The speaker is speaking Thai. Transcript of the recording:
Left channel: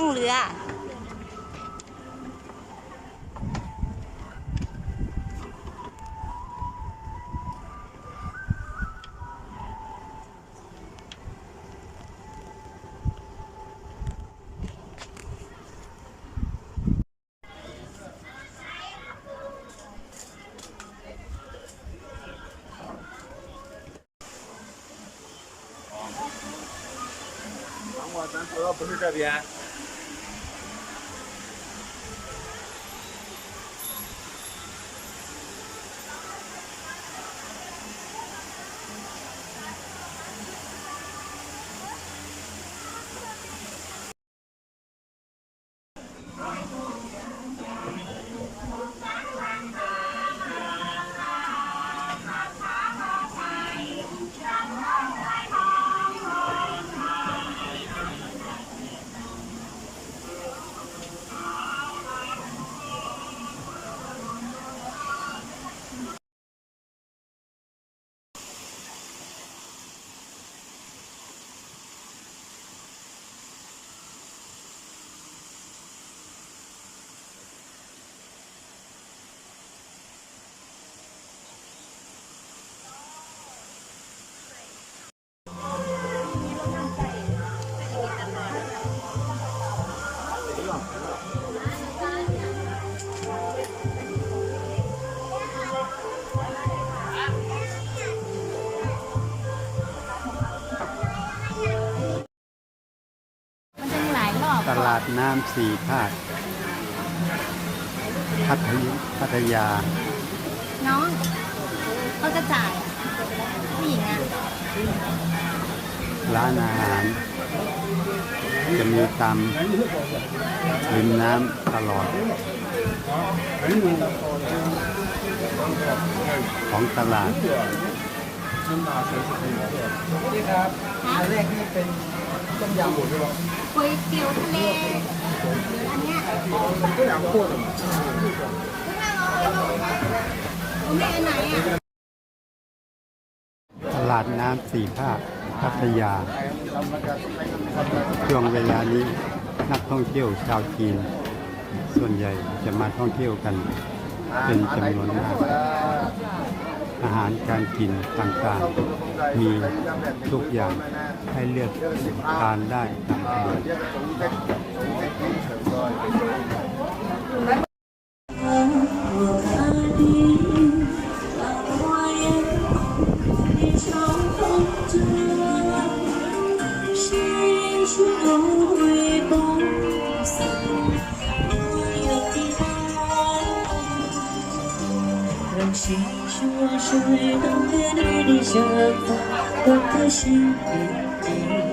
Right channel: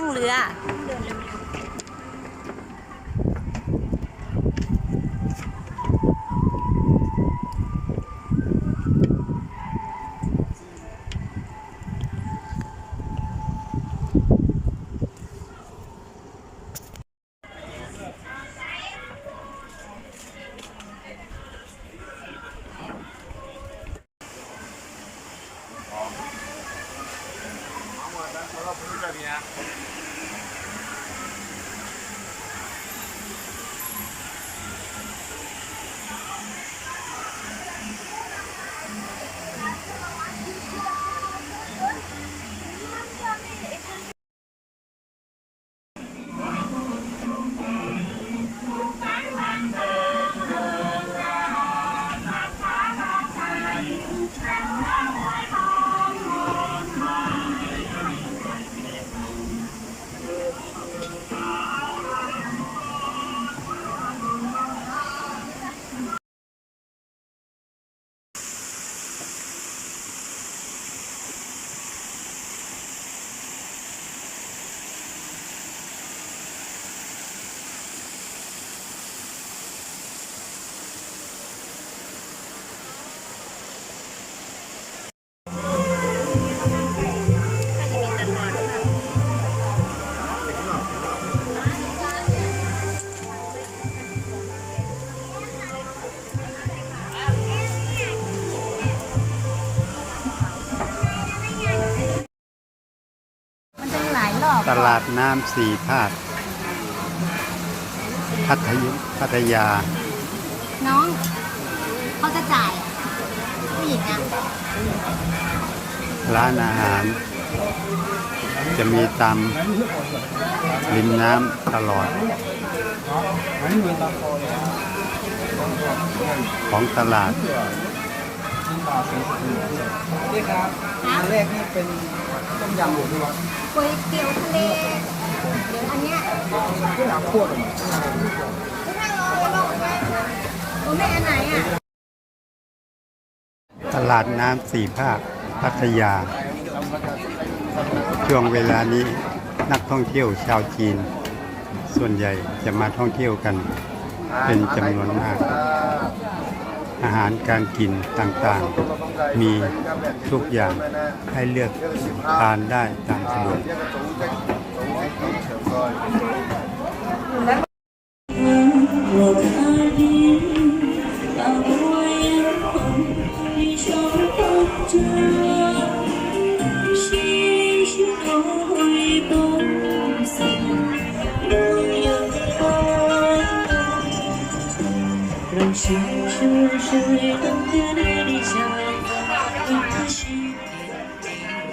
นั่งเรือ 不是这边。 ตลาดน้ำสี่ภาคพัทยพัทยา น้องเขาจะจ่ายอะผู้หญิงอะร้านอาหาร จะมีตามริมน้ำตลอด ของตลาด นี่ครับอันแรกนี่เป็น ต้มยำหมูด้วยวะก๋วยเตี๋ยวทะเลหรืออันเนี้ยน้ำข้นโอ้แม่อันไหนอะ ตลาดน้ำสี่ภาคพัทยา ช่วงเวลานี้นักท่องเที่ยวชาวจีน ส่วนใหญ่จะมาท่องเที่ยวกัน เป็นจำนวนมาก อาหารการกินต่างๆ มีทุกอย่างให้เลือกทานได้ตามสะดวก人生。是我生日，等待你的想法，我的心也定。